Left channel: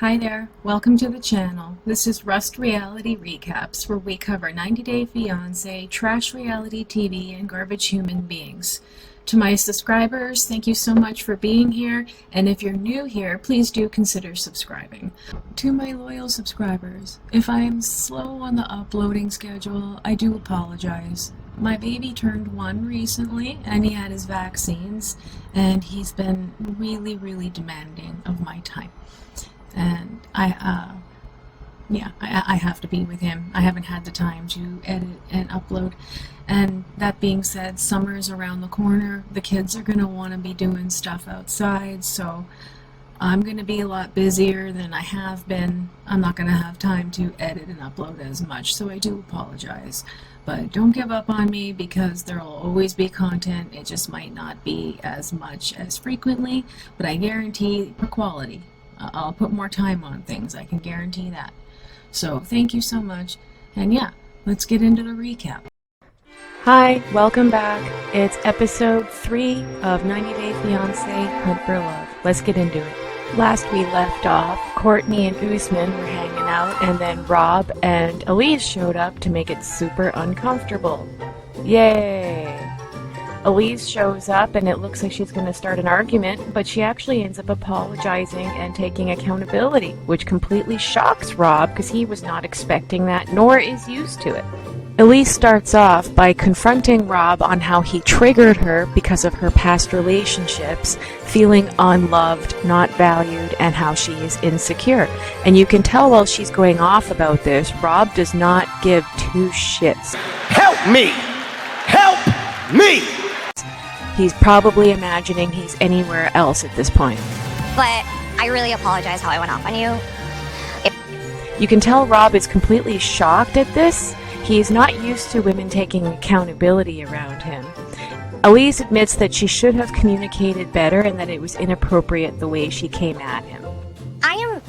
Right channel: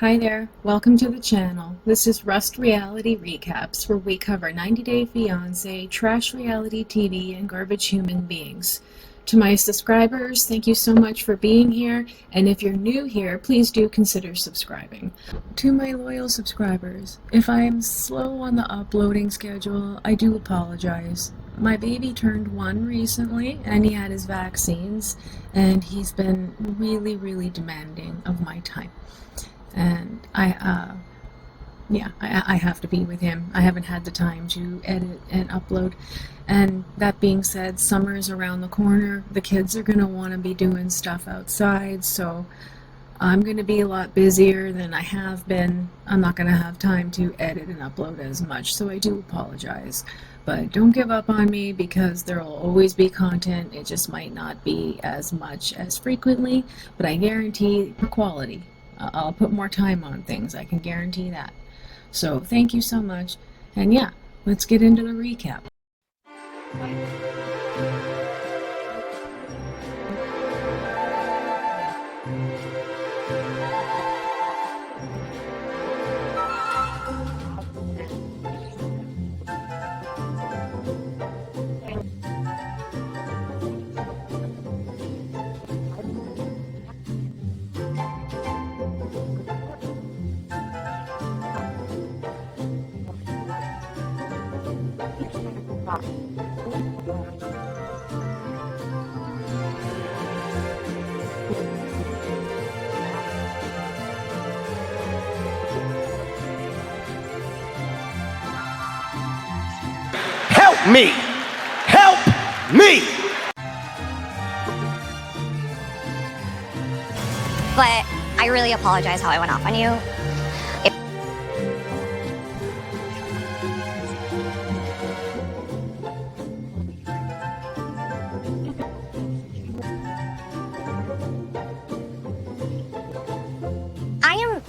Hi there, welcome to the channel. This is Rust Reality Recaps, where we cover 90 Day Fiancé, trash reality TV, and garbage human beings. To my subscribers, thank you so much for being here, and if you're new here, please do consider subscribing. To my loyal subscribers, if I am slow on the uploading schedule, I do apologize. My baby turned 1 recently, and he had his vaccines, and he's been really demanding of my time. And I have to be with him. I haven't had the time to edit and upload. And that being said, summer's around the corner. The kids are going to want to be doing stuff outside, so I'm going to be a lot busier than I have been. I'm not going to have time to edit and upload as much, so I do apologize. But don't give up on me, because there will always be content. It just might not be as much as frequently, but I guarantee the quality. I'll put more time on things, I can guarantee that. So thank you so much, and yeah, let's get into the recap. Hi, welcome back. It's episode 3 of 90 Day Fiancé Hunt for Love. Let's get into it. Last we left off, Courtney and Usman were hanging out, and then Rob and ELISE showed up to make it super uncomfortable. Yay! ELISE shows up and it looks like she's going to start an argument, but she actually ends up apologizing and taking accountability, which completely shocks Rob because he was not expecting that, nor is used to it. ELISE starts off by confronting Rob on how he triggered her because of her past relationships, feeling unloved, not valued, and how she is insecure. And you can tell while she's going off about this, Rob does not give 2 shits. Help me! Help me! He's probably imagining he's anywhere else at this point. But I really apologize how I went off on you. You can tell Rob is completely shocked at this. He's not used to women taking accountability around him. ELISE admits that she should have communicated better and that it was inappropriate the way she came at him. I am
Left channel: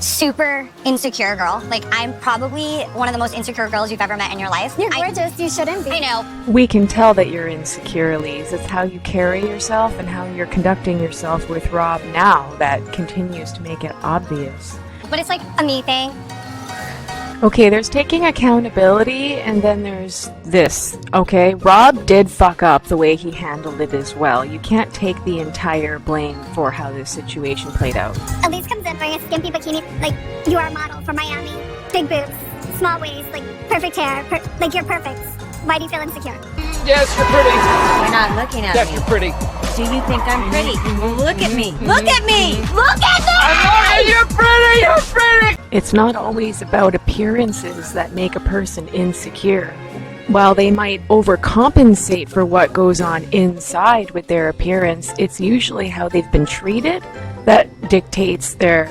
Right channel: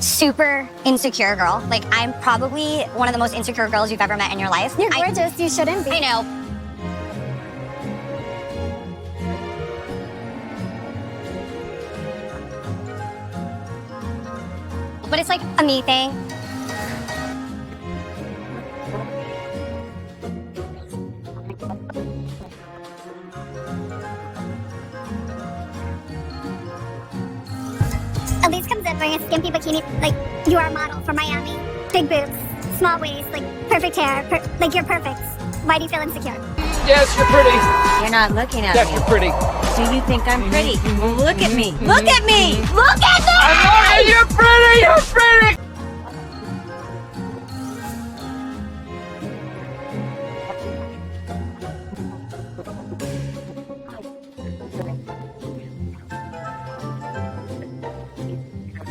super insecure girl. Like, I'm probably one of the most insecure girls you've ever met in your life. You're gorgeous, you shouldn't be. I know. We can tell that you're insecure, ELISE. It's how you carry yourself and how you're conducting yourself with Rob now that continues to make it obvious. But it's like a me thing. Okay, there's taking accountability, and then there's this, okay? Rob did fuck up the way he handled it as well. You can't take the entire blame for how this situation played out. ELISE comes in wearing a skimpy bikini, like, you are a model from Miami. Big boobs, small waist, like, perfect hair, like, you're perfect. Why do you feel insecure? Yes, you're pretty. You're not looking at Yes, me. you're pretty. Do you think I'm pretty? Look at me. Look at me. Look at me. I'm you're pretty. You're pretty. It's not always about appearances that make a person insecure. While they might overcompensate for what goes on inside with their appearance, it's usually how they've been treated that dictates their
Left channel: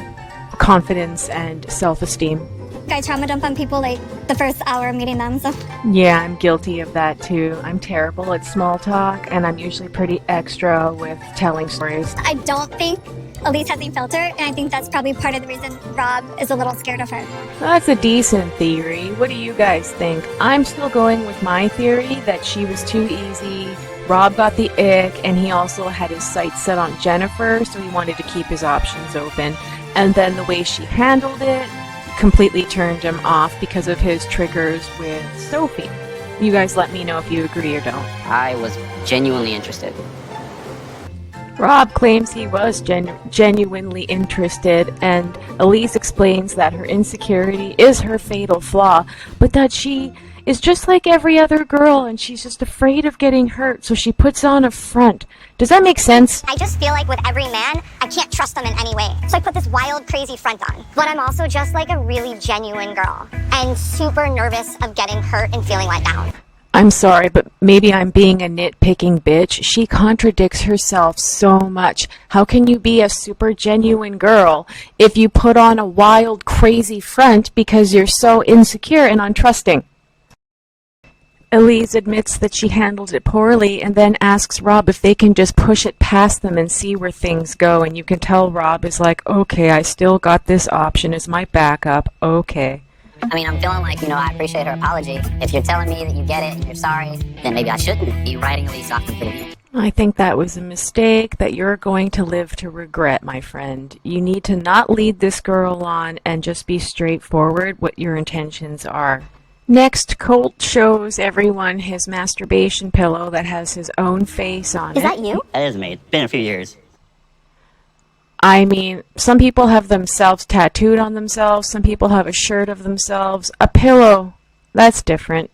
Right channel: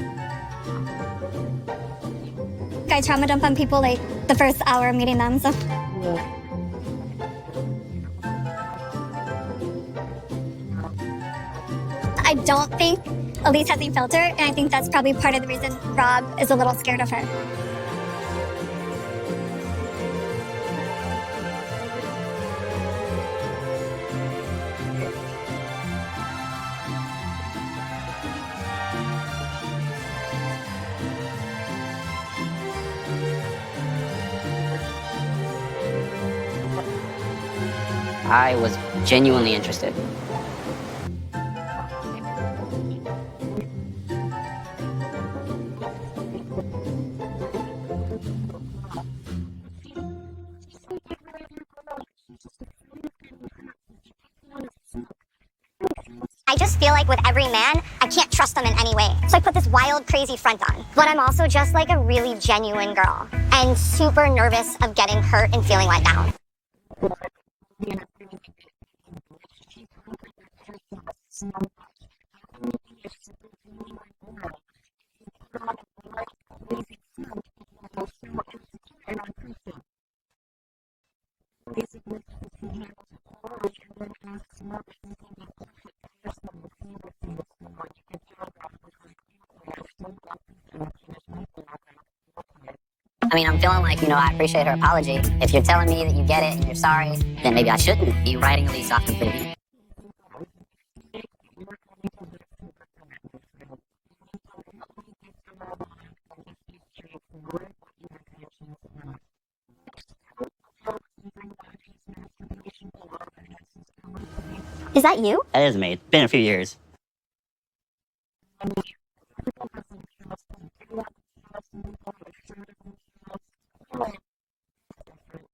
confidence and self-esteem. I trauma dump on people, like, the first hour of meeting them, so. Yeah, I'm guilty of that too. I'm terrible at small talk, and I'm usually pretty extra with telling stories. I don't think ELISE has any filter, and I think that's probably part of the reason Rob is a little scared of her. That's a decent theory. What do you guys think? I'm still going with my theory that she was too easy. Rob got the ick, and he also had his sights set on Jennifer, so he wanted to keep his options open. And then the way she handled it completely turned him off because of his triggers with Sophie. You guys let me know if you agree or don't. I was genuinely interested. Rob claims he was genuinely interested, and ELISE explains that her insecurity is her fatal flaw, but that she is just like every other girl and she's just afraid of getting hurt, so she puts on a front. Does that make sense? I just feel like with every man, I can't trust them in any way. So I put this wild, crazy front on. But I'm also just like a really genuine girl and super nervous of getting hurt and feeling let down. I'm sorry, but maybe I'm being a nitpicking bitch. She contradicts herself so much. How can you be a super genuine girl if you put on a wild, crazy front because you're so insecure and untrusting? ELISE admits that she handled it poorly and then asks Rob if they can just push it past them and see where things go. And you can tell Rob is like, okay, I still got this option as my backup. Okay. I mean, I'm feeling like, I appreciate her apology. If you're telling me that you get it and you're sorry, then maybe I shouldn't be writing ELISE off completely. I think that was a mistake that you're going to live to regret, my friend. You need to not lead this girl on and just be straightforward what your intentions are. Next, Colt shows everyone his masturbation pillow that has his own face on it. Is that you? That is me. It's been a few years. I mean, some people have themselves tattooed on themselves, some people have a shirt of themselves. A pillow, that's different.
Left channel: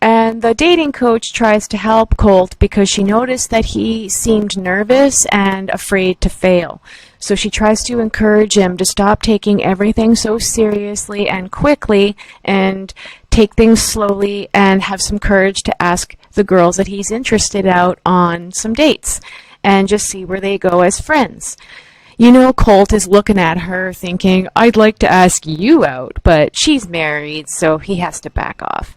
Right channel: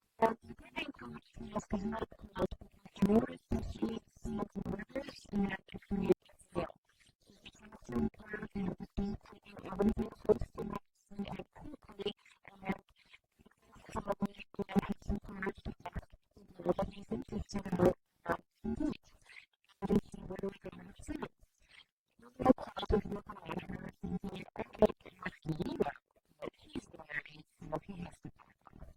And the dating coach tries to help Colt because she noticed that he seemed nervous and afraid to fail. So she tries to encourage him to stop taking everything so seriously and quickly and take things slowly and have some courage to ask the girls that he's interested out on some dates and just see where they go as friends. You know, Colt is looking at her thinking, I'd like to ask you out, but she's married, so he has to back off.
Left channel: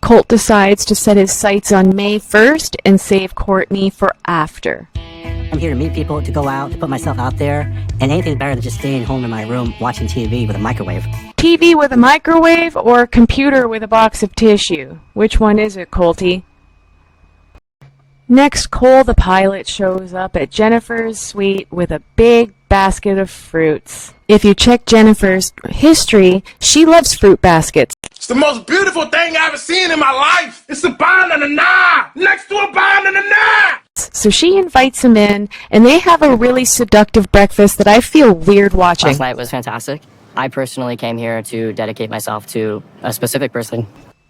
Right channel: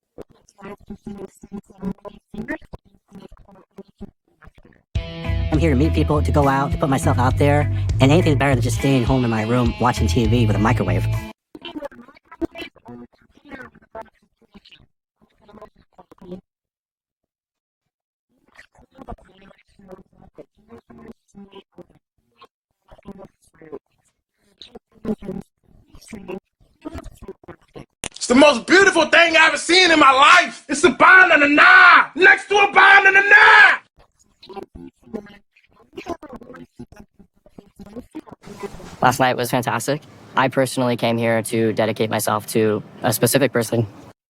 Colt decides to set his sights on May 1st and save Cortney for after. I'm here to meet people, to go out, to put myself out there, and anything better than just staying home in my room watching TV with a microwave. TV with a microwave or computer with a box of tissue? Which one is it, Colty? Next, Cole the pilot shows up at Jennifer's suite with a big basket of fruits. If you check Jennifer's history, she loves fruit baskets. It's the most beautiful thing I've ever seen in my life. It's a banana next to a banana. So she invites him in, and they have a really seductive breakfast that I feel weird watching. Last night was fantastic. I personally came here to dedicate myself to a specific person.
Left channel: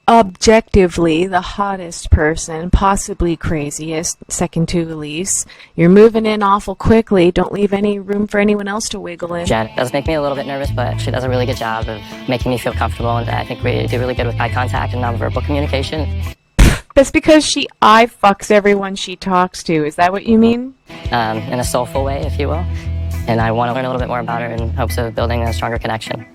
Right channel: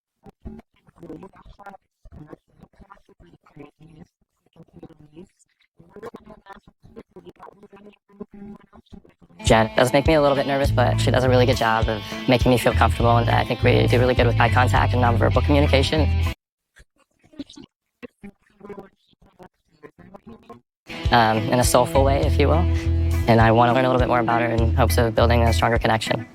Objectively the hottest person, possibly craziest, second to ELISE. You're moving in awful quickly. Don't leave any room for anyone else to wiggle in. Jen does make me a little bit nervous, but she does a really good job of making me feel comfortable, and I think we do really good with eye contact and nonverbal communication. That's because she eye fucks everyone she talks to. Is that what you mean? In a soulful way, if you will. And I want to learn a little bit more about her in hopes of building a stronger connection.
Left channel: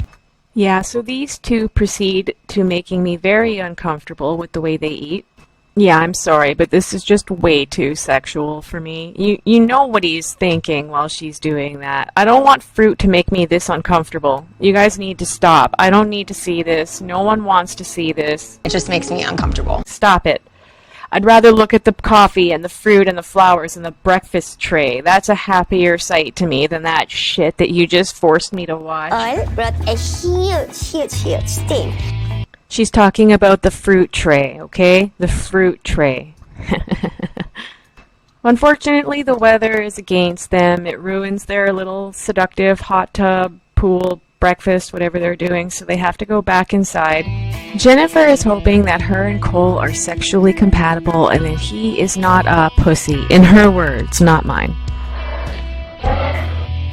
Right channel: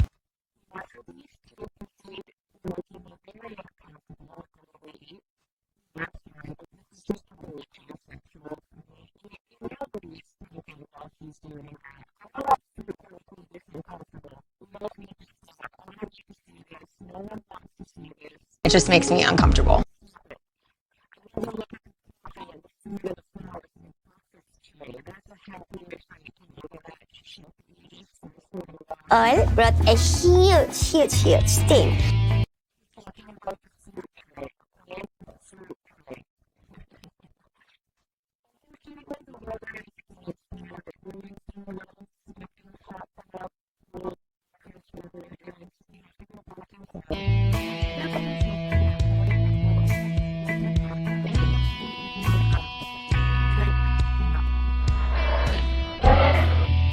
Yeah, so these two proceed to making me very uncomfortable with the way they eat. Yeah, I'm sorry, but this is just way too sexual for me. You know what he's thinking while she's doing that. I don't want fruit to make me this uncomfortable. You guys need to stop. I don't need to see this. No one wants to see this. It just makes me uncomfortable. Stop it. I'd rather look at the coffee and the fruit and the flowers and the breakfast tray. That's a happier sight to me than that shit that you just forced me to watch. Oil brought a huge thing. She's talking about the fruit tray, okay? The fruit tray. Unfortunately, the weather is against them. It ruins their little seductive hot tub, pool, breakfast, whatever they're doing, so they have to go back inside. Jennifer is hoping that her and Cole are sexually compatible and that he is not a pussy. In her words, not mine.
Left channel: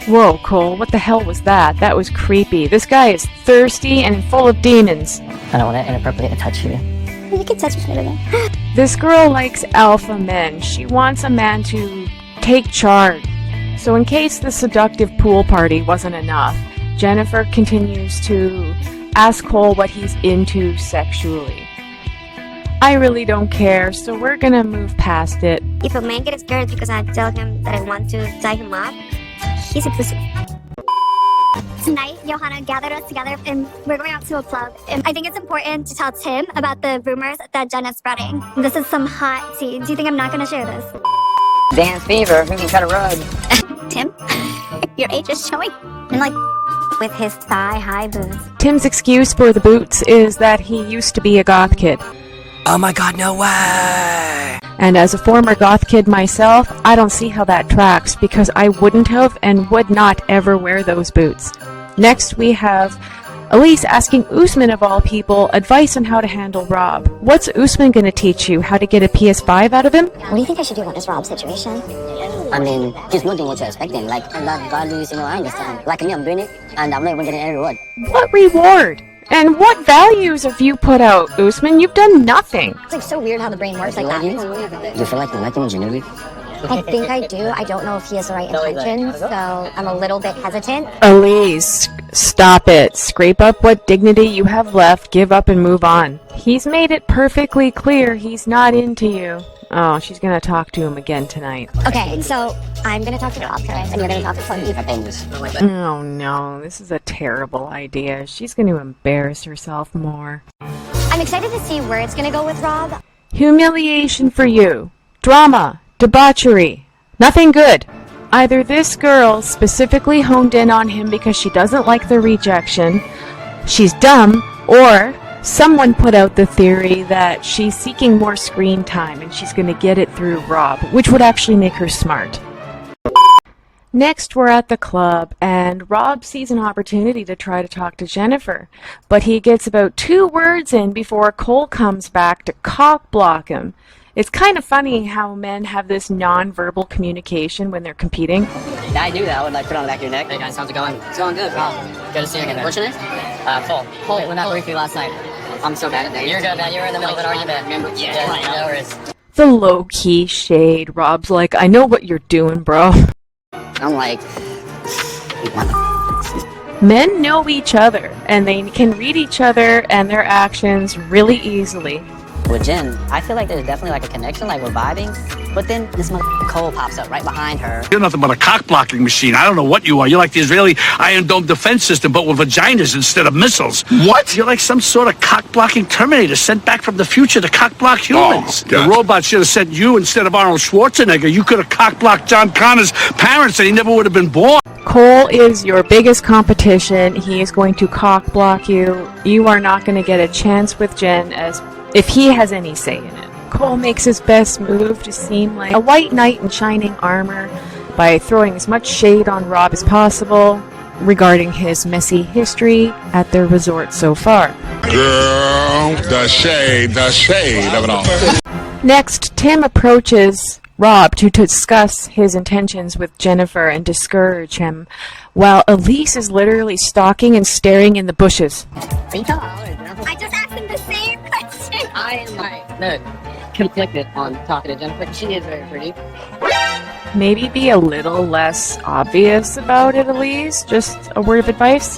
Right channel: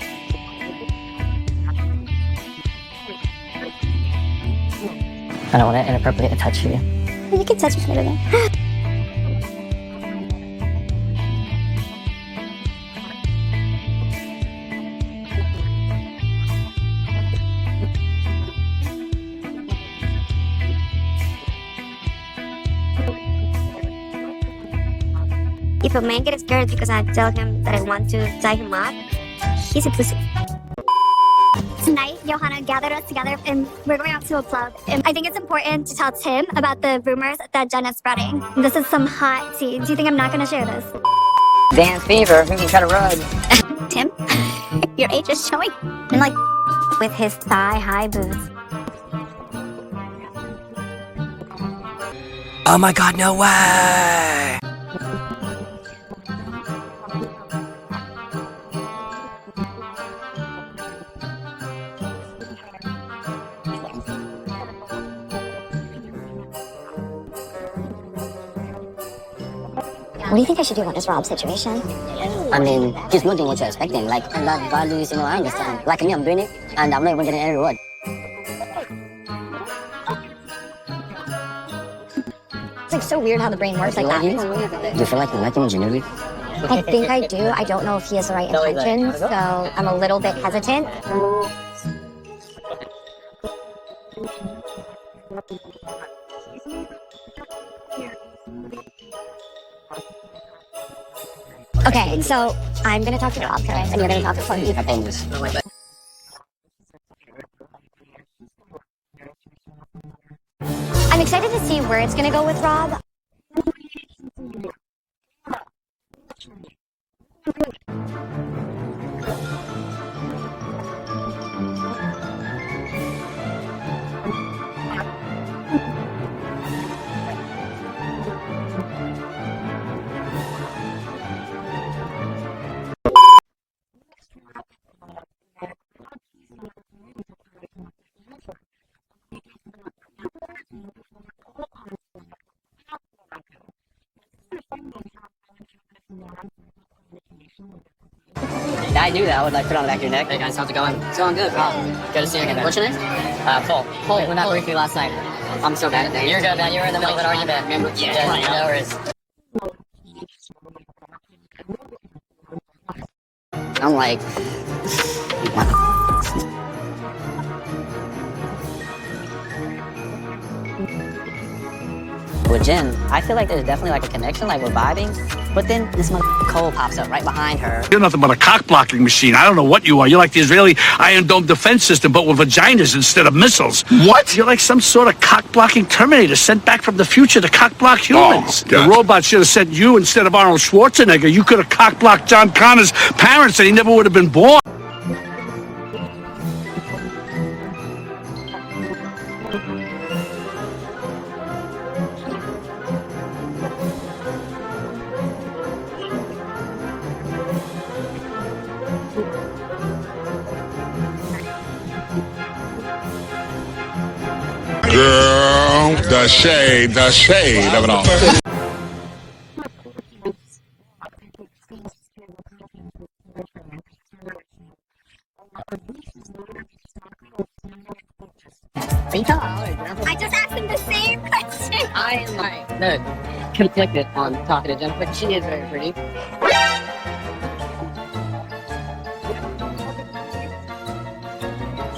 Whoa, Cole, what the hell was that? That was creepy. This guy is thirsty and full of demons. I don't want to inappropriately touch you. You can touch me later. This girl likes alpha men. She wants a man to take charge. So in case the seductive pool party wasn't enough, Jennifer continues to ask Cole what he's into sexually. I really don't care, so we're gonna move past it. If a man gets scared because I tell him that I want to tie him up, he's a pussy. Tonight, Johanna gathered us together and we're going out to a club. And I think it's important to tell Tim about the rumors that Jen is spreading. This is some hot tea. Do you think I'm not gonna share this? Dance fever, we can cut a rug. Tim, your age is showing. And like, with his thigh-high boots. Tim's excuse for the boots is that he used to be a goth kid. Oh my god, no way! And as a former goth kid myself, I don't see how that tracks because I wouldn't have and would not ever wear those boots. Next we have ELISE asking Usman of all people advice on how to handle Rob. What's Usman gonna teach you? How to get a PS5 out of him? What do you think I should do in this Rob situation? I mean, he's not doing what you're expecting. Like, that values, I understand. Like me, I'm doing it, and I'm not even getting any reward. What reward? And what values have you put out, Usman? You've done nothing. It's like so weird how the brain works like that. Do you feel like you're lacking genuinely? I think I do. I don't know if he has the right intentions, so I'm a little bit hesitant. ELISE, stop it. Scrape up what dignity you have left, give up and move on. He's made it perfectly clear he's not into you. Oh, she's gonna talk to him again tonight. Okay, so I'm gonna talk to Rob, and you're gonna talk to Courtney. Oh no, this is a terrible idea. She's gonna embarrass herself more. I'm excited to see where it's gonna go with Rob. Humiliation for you. Drama. Debauchery. Nothing good. Either this girl specifically honed in on him because she doesn't like the rejection, she's dumb, or someone put out the theory that she's seeking more screen time and she's going to get it through Rob, which would actually make her smart. Next, we're at the club, and Rob sees an opportunity to try to talk to Jennifer, but he gets about 2 words in before Colt comes back to cock block him. It's kind of funny how men have this non-verbal communication when they're competing. Yeah, I do that. I would like put on the back of your neck. Hey guys, how's it going? It's going good, bro. Good to see you again. What's your name? Colt. Colt, we met briefly last night. I'm so bad at that. You're good, man. You were in the middle of an argument. Remember? Yeah, no worries. The low-key shade. Rob's like, I know what you're doing, bro. I'm like, Men know each other, and they can read each other and their actions really easily. with Jen, I feel like there's definitely like a connection, like we're vibing. But then this Cole pops up right behind her. You're nothing but a cock-blocking machine. I don't know what you are. You're like the Israeli Iron Dome defense system, but with vaginas instead of missiles. What? You're like some sort of cock-blocking Terminator sent back from the future to cock-block humans. Oh, the robot should have sent you instead of Arnold Schwarzenegger. You could have cock-blocked John Connor's parents and he never would have been born. Cole is your biggest competition. He is going to cock block you. You are not going to get a chance with Jen as if he has any say in it. Cole makes his best move to seem like a white knight in shining armor by throwing as much shade on Rob as possible regarding his messy history at their resort so far. Girl, the shade of it all. Next, Tim approaches Rob to discuss his intentions with Jennifer and discourage him, while Elise is literally stalking and staring in the bushes. Are you telling Jennifer? I just asked him the same question. I am like, conflicted on talking to Jennifer. She is very pretty. Maybe be a little less obvious about it, Elise. Just a word of advice.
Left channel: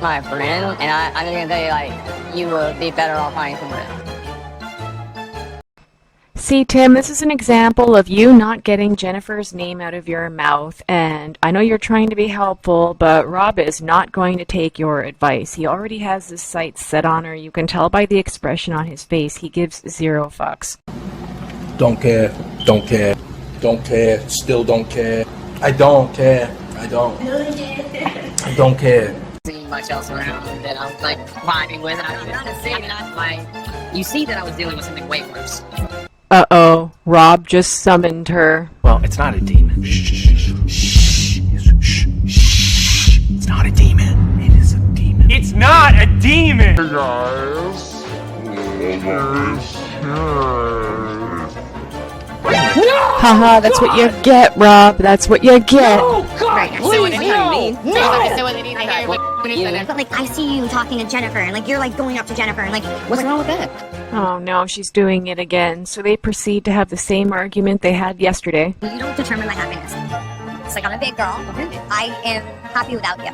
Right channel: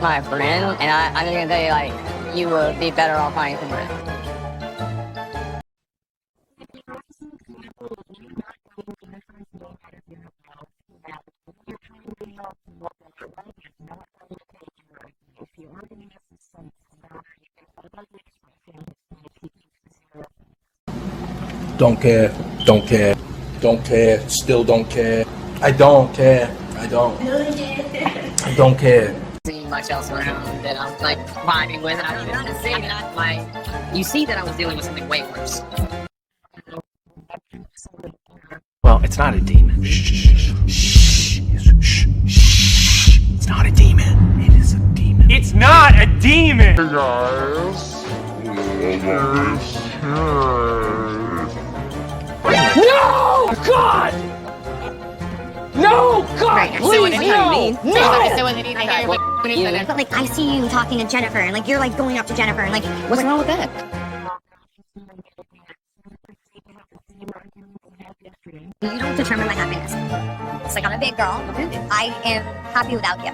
My friend, and I'm just gonna tell you, like, you would be better off finding someone. See, Tim, this is an example of you not getting Jennifer's name out of your mouth, and I know you're trying to be helpful, but Rob is not going to take your advice. He already has his sights set on her. You can tell by the expression on his face. He gives 0 fucks. Don't care, don't care, don't care, still don't care. I don't care, I don't care. Seeing much else around that I'm like vibing with, and you see that I was dealing with something way worse. Uh-oh, Rob just summoned her. Well, it's not a demon. Shh. It's not a demon. It is a demon. It's not a demon! Hey guys. Haha, that's what you get, Rob. That's what you get. No! God, please, no! But like, I see you talking to Jennifer, and like, you're like going up to Jennifer, and like, What's wrong with that? Oh no, she's doing it again. So they proceed to have the same argument they had yesterday. you don't determine my happiness. It's like, I'm a big girl. I am happy without you.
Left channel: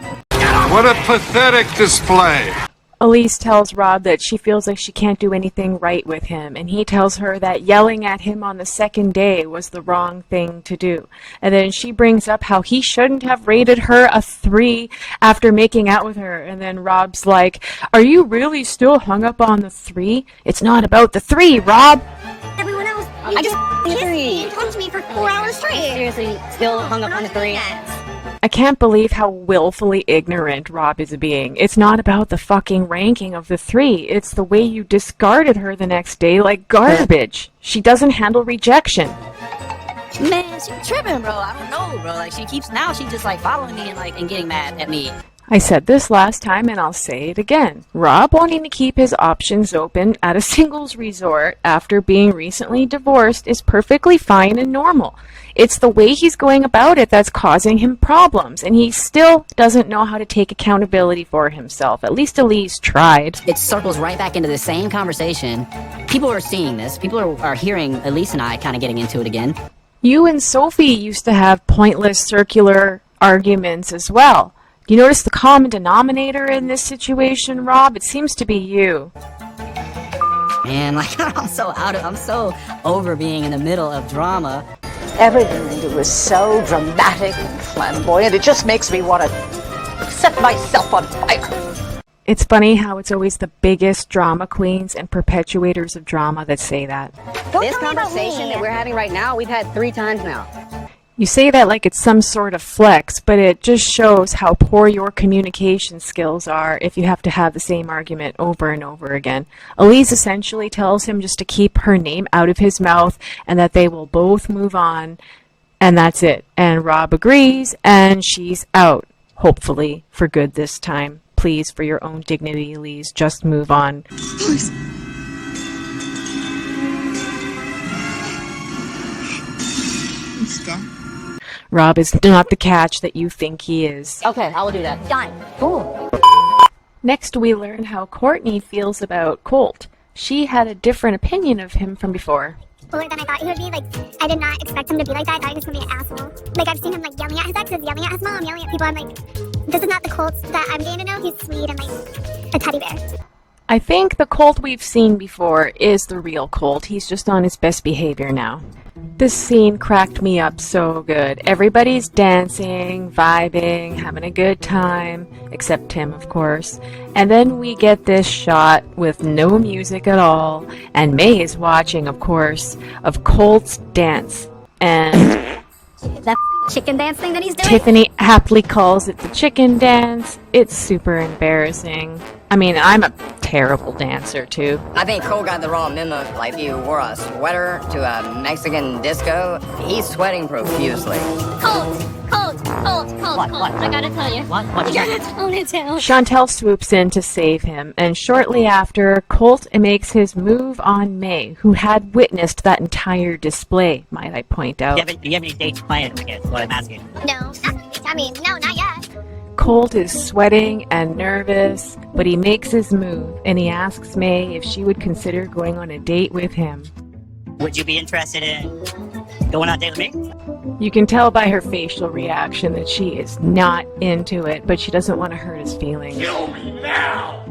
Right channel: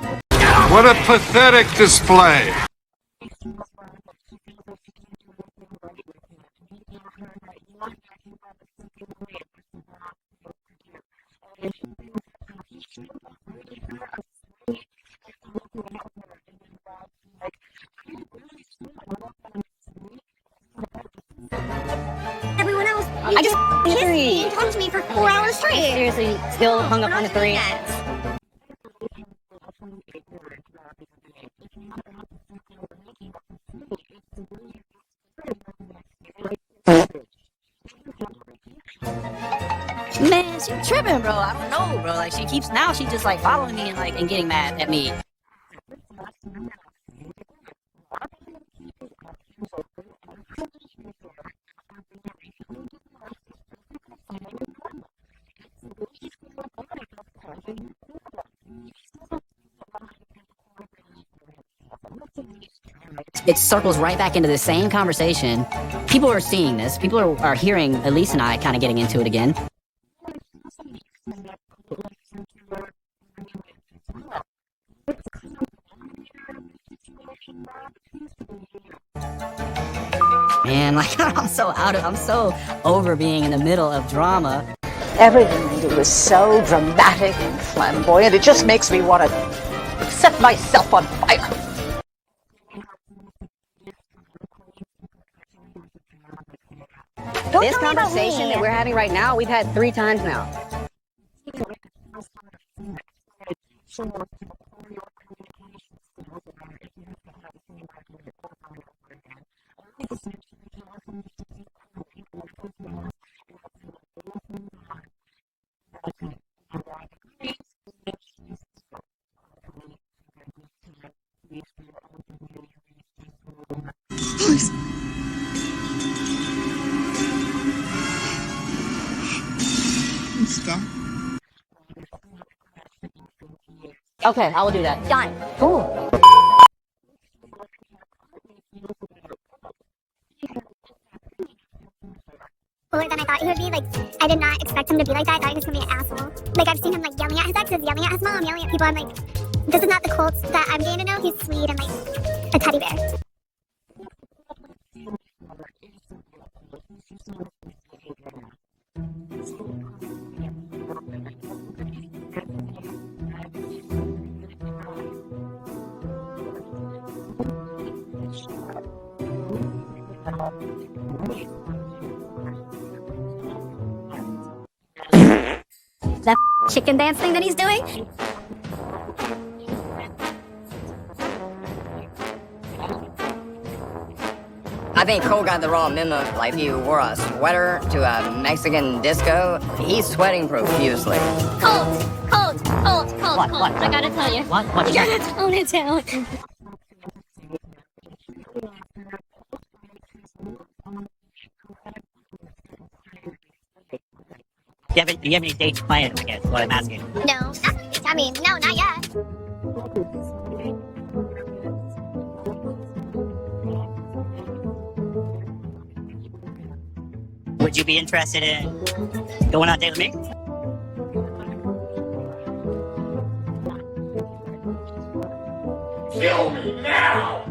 What a pathetic display. Elise tells Rob that she feels like she can't do anything right with him, and he tells her that yelling at him on the second day was the wrong thing to do. And then she brings up how he shouldn't have rated her a 3 after making out with her, and then Rob's like, are you really still hung up on the 3? It's not about the 3, Rob! Everyone else, I just kissed three. me and talked to me for 4 hours straight. Seriously, still hung up on the 3. I can't believe how willfully ignorant Rob is being. It's not about the fucking ranking of the 3. It's the way you discarded her the next day like garbage. She doesn't handle rejection. Man, she tripping, bro. I don't know, bro. Like, she just like following me and getting mad at me. I said this last time and I'll say it again. Rob wanting to keep his options open at a singles resort after being recently divorced is perfectly fine and normal. It's the way he's going about it that's causing him problems, and he still doesn't know how to take accountability for himself. At least Elise tried. It circles right back into the same conversation. People are seeing this. People are hearing Elise and I kind of getting into it again. You and Sophie used to have pointless circular arguments as well. Do you notice the common denominator in this situation, Rob? It seems to be you. Man, like, I'm so over being in the middle of drama. Everything they do is so dramatic and flamboyant. It just makes me want to set myself on fire. It's funny how it's always the biggest drama queens and perpetuators of drama that say that. This conversation that we're having right now, we've had 3 times now. You say that like it's some sort of flex, but it just shows how poor your communication skills are if you have to have the same argument over and over again. ELISE essentially tells him just to keep her name out of his mouth and that they will both move on, and that's it. And Rob agrees, and she's out. Hopefully for good this time. Please, for your own dignity, ELISE, just move on. Please. Stop. Rob is not the catch that you think he is. Okay, I will do that. Done. Cool. Next, we learn how Cortney feels about Colt. She had a different opinion of him from before. Cooler than I thought he would be. Like, I did not expect him to be like that. I thought he was gonna be an asshole. Like, I've seen him like yelling at his exes, yelling at his mom, yelling at people. I'm like, this is not the Colt that I'm getting to know. He's sweet and like a teddy bear. I think the Colt we've seen before is the real Colt. He's just on his best behavior now. This scene cracked me up so good. Everybody's dancing, vibing, having a good time, except Tim, of course. And then we get this shot with no music at all, and May is watching, of course, of Colt's dance. And That chicken dance thing that he's doing? Tiffany aptly calls it the chicken dance. It's super embarrassing. I mean, I'm a terrible dancer, too. I think Cole got the wrong memo. Like, if you wore a sweater to a Mexican disco, he's sweating profusely. Colt. I gotta tell you. What? You gotta tone it down. Chantel swoops in to save him, and shortly after, Colt makes his move on May, who had witnessed that entire display, might I point out. Do you have any dates planned, I guess, what I'm asking? No, no, not yet. Colt is sweating and nervous, but he makes his move, and he asks May if she would consider going on a date with him. Would you be interested in going on a date with me? You can tell by her facial reaction that she is not into it, but she doesn't want to hurt his feelings. Kill me now!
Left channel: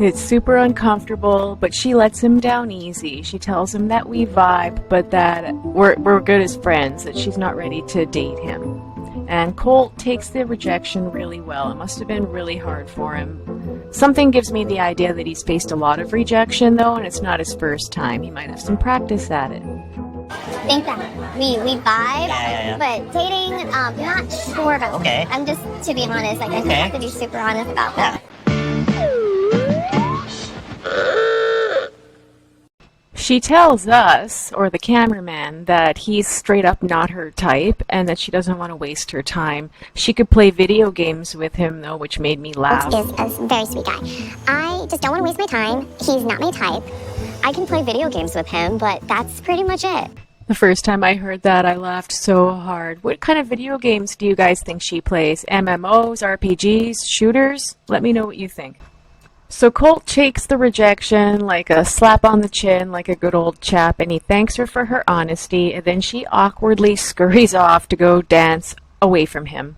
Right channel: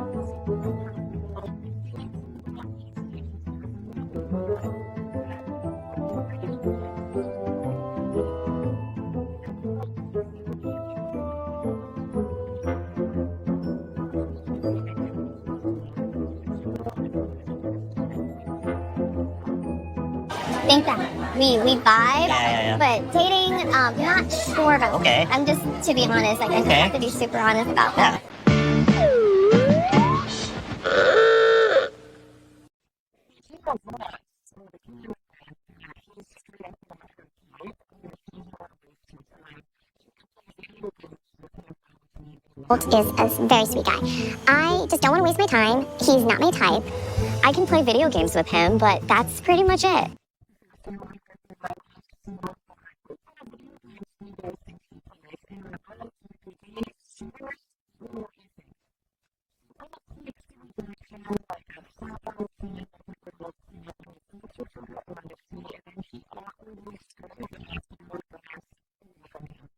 It's super uncomfortable, but she lets him down easy. She tells him that we vibe, but that we're good as friends, that she's not ready to date him. And Colt takes the rejection really well. It must have been really hard for him. Something gives me the idea that he's faced a lot of rejection, though, and it's not his first time. He might have some practice at it. I think that we vibe, Yeah. but dating, not sure about. Okay. I'm just, to be honest, like I just Okay. have to be super honest about that. She tells us, or the cameraman, that he's straight up not her type and that she doesn't want to waste her time. She could play video games with him, though, which made me laugh. Colt is a very sweet guy. I just don't want to waste my time. He's not my type. I can play video games with him, but that's pretty much it. The first time I heard that, I laughed so hard. What kind of video games do you guys think she plays? MMOs, RPGs, shooters? Let me know what you think. So Colt takes the rejection like a slap on the chin, like a good old chap, and he thanks her for her honesty, and then she awkwardly scurries off to go dance away from him.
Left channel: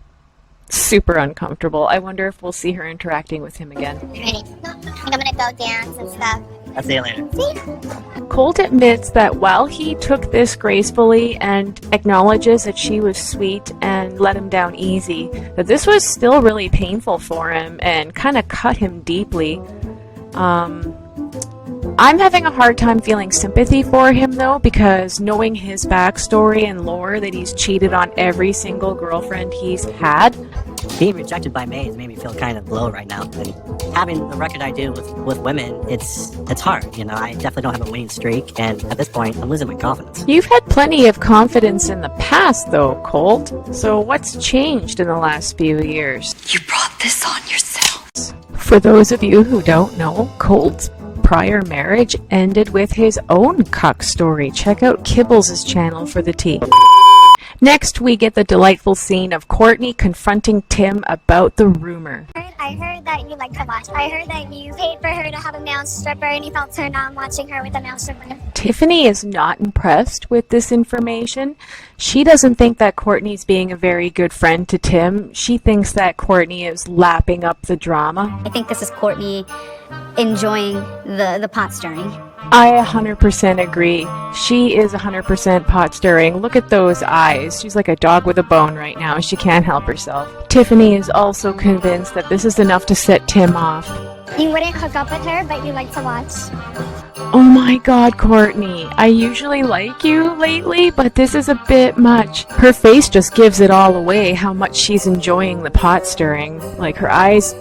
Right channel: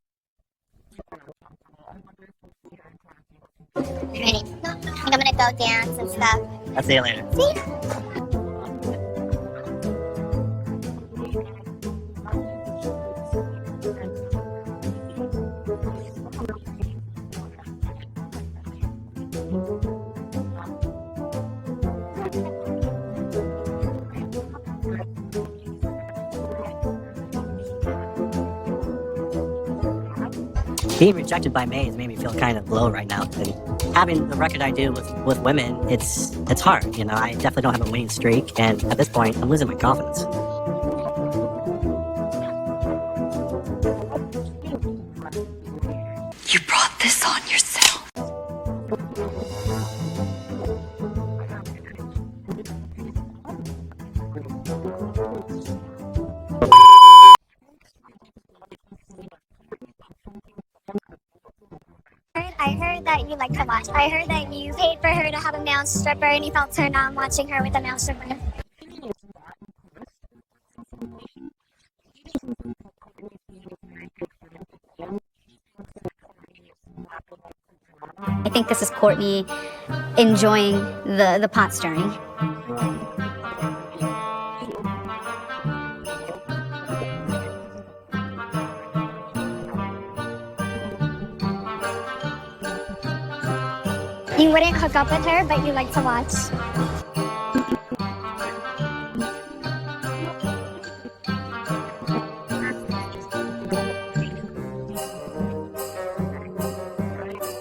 Super uncomfortable. I wonder if we'll see her interacting with him again. Ready? I'm gonna go dance and stuff. I'll see you later. Colt admits that while he took this gracefully and acknowledges that she was sweet and let him down easy, that this was still really painful for him and kind of cut him deeply. I'm having a hard time feeling sympathy for him, though, because knowing his backstory and lore that he's cheated on every single girlfriend he's had. Being rejected by May has made me feel kind of low right now. And having the record I do with women, it's hard. You know, I definitely don't have a winning streak, and at this point, I'm losing my confidence. You've had plenty of confidence in the past, though, Colt. So what's changed in the last few years? You brought this on yourselves. For those of you who don't know, Colt's prior marriage ended with his own cuck story. Check out Kibbles' channel for the tea. Next, we get the delightful scene of Cortney confronting Tim about the rumor. I heard that you like to watch. I heard that you paid for her to have a male stripper and you felt turned on watching her with a male stripper. Tiffany is not impressed with this information. She doesn't think that Cortney's being a very good friend to Tim. She thinks that Cortney is lapping up the drama. I think this is Courtney enjoying the pot stirring. I 100% agree. She is 100% pot stirring. Look at those eyes. She's like a dog with a bone right now. She can't help herself. Tiffany is also convinced that this is enough to set Tim off. You wouldn't hook up with her, but you like to watch. Oh my god, Courtney. I usually like you lately, but this is a bit much. Her face just gives it all away how much she's enjoying the pot stirring. Like her eyes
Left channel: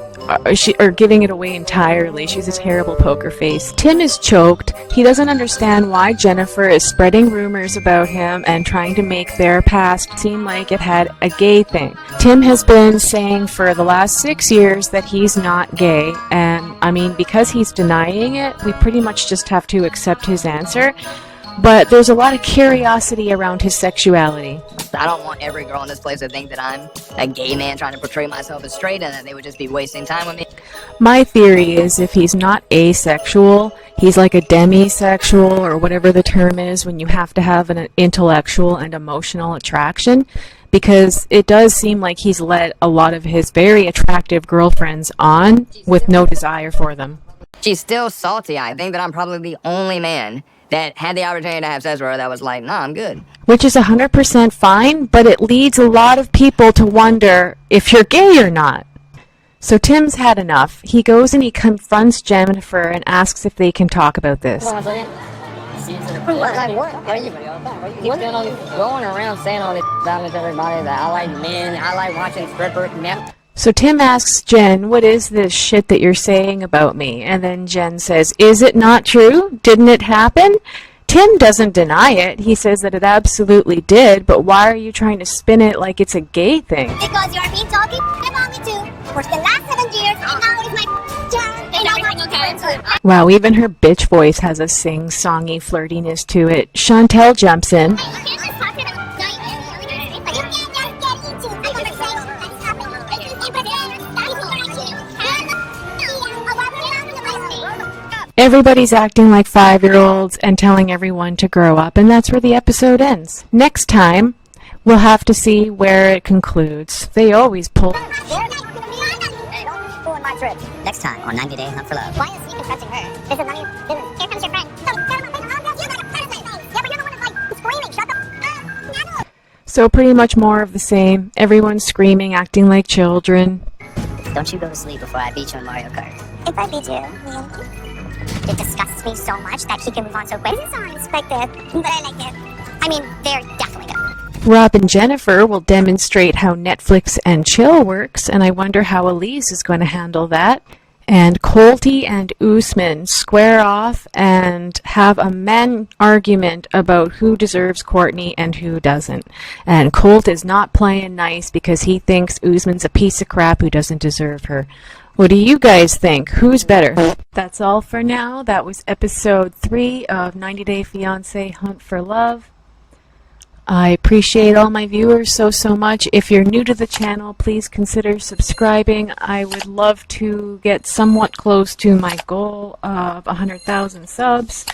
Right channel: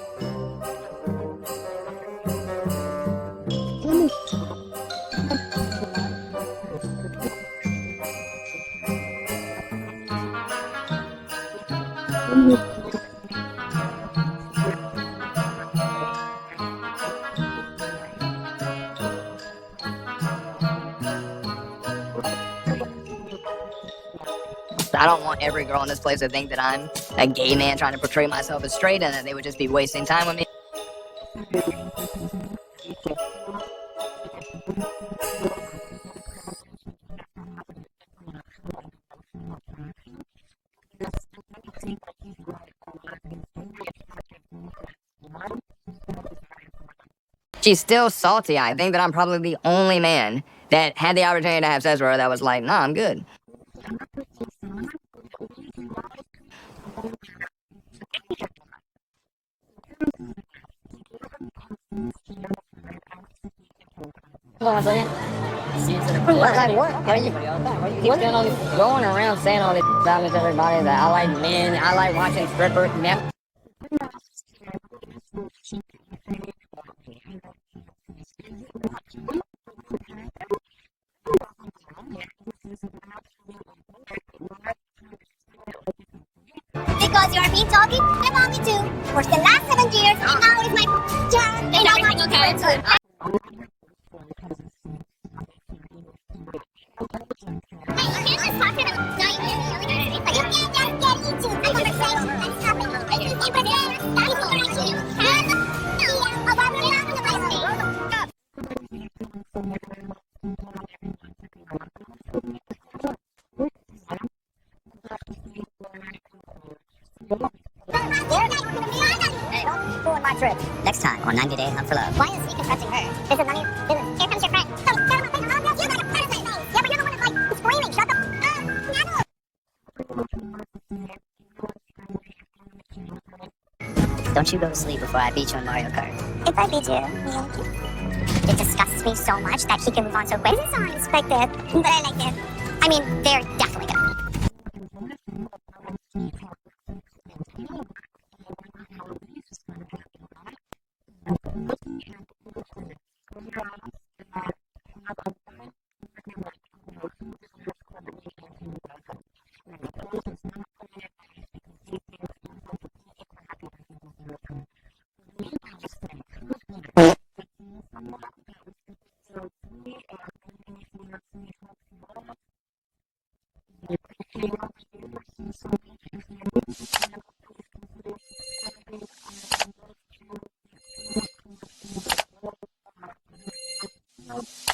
are giving it away entirely. She's a terrible poker face. Tim is choked. He doesn't understand why Jennifer is spreading rumors about him and trying to make their past seem like it had a gay thing. Tim has been saying for the last 6 years that he's not gay, and I mean, because he's denying it, we pretty much just have to accept his answer. But there's a lot of curiosity around his sexuality. I don't want every girl in this place to think that I'm a gay man trying to portray myself as straight and that they would just be wasting time with me. My theory is if he's not asexual, he's like a demisexual, or whatever the term is when you have to have an intellectual and emotional attraction, because it does seem like he's let a lot of his very attractive girlfriends on with no desire for them. She's still salty. I think that I'm probably the only man that had the opportunity to have sex with her that was like, nah, I'm good. Which is 100% fine, but it leads a lot of people to wonder if you're gay or not. So Tim's had enough. He goes and he confronts Jennifer and asks if they can talk about this. Hold on a second. What? You keep going around saying all this about everybody that I like men, I like watching strippers. So Tim asks Jen, what is this shit that you're saying about me? And then Jen says, is it not true? Didn't it happen? Tim doesn't deny it. He says that it absolutely did, but why are you trying to spin it like it's a gay thing? Because you are being talking about me too for the last 7 years, and now it's my turn. And everything okay? Wow, even her bitch voice has a sing-songy flirtiness to it. Chantel jumps in. Everybody's acting like 5-year-olds and telling everyone to grow up, and that's where the episode ends. Next time, we'll have to see where it concludes. They always pull. Next time on 90 Day Hunt for Love. Why is he confessing her? This is none of your business. Here comes your friend. You got a present. Yeah, but you're the one that's like screaming. Shut the up. So pretty much more of the same. Everyone's screaming, acting like children. Don't you go to sleep before I beat you in Mario Kart. If I beat you, it disgusts me so much that he can move on so quick. This is unexpected, but I like it. I mean, they're definitely good. Rob and Jennifer will demonstrate how Netflix and chill works, and I wonder how ELISE is going to handle that. And Colty and Usman square off and have a men argument about who deserves Cortney and who doesn't. And Colt is not playing nice because he thinks Usman's a piece of crap who doesn't deserve her. What do you guys think? Who's better? That's all for now. That was episode 3 of 90 Day Fiancé Hunt for Love. I appreciate all my viewers so much. If you're new to the channel, please consider subscribing. I would love to get somewhat close to my goal of 100,000 subs.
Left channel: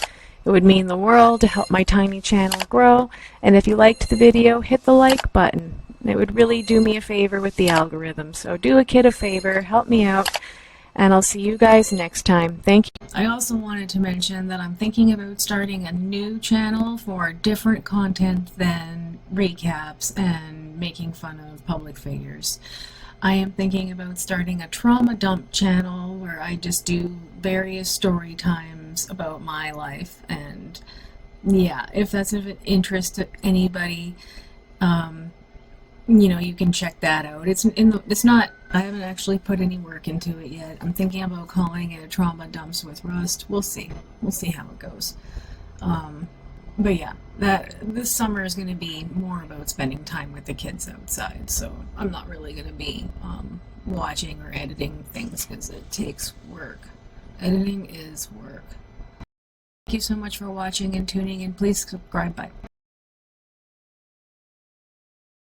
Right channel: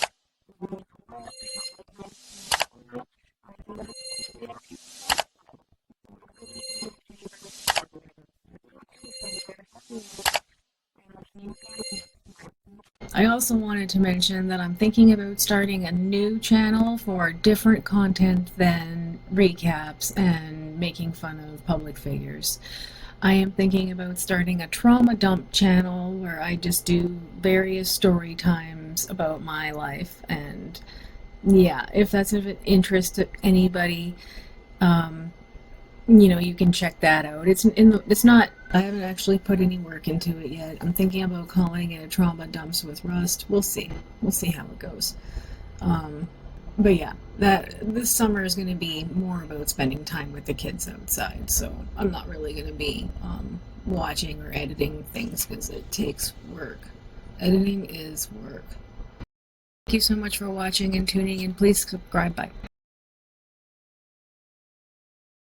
It would mean the world to help my tiny channel grow. And if you liked the video, hit the like button. It would really do me a favor with the algorithm. So do a kid a favor, help me out, and I'll see you guys next time. Thank you. I also wanted to mention that I'm thinking about starting a new channel for different content than recaps and making fun of public figures. I am thinking about starting a trauma dump channel where I just do various story times about my life, and yeah, if that's of interest to anybody, you know, you can check that out. It's not, I haven't actually put any work into it yet. I'm thinking about calling it Trauma Dumps with Rust. We'll see how it goes. But yeah, this summer is going to be more about spending time with the kids outside, so I'm not really going to be watching or editing things because it takes work. Editing is work. Thank you so much for watching and tuning in. Please subscribe. Bye.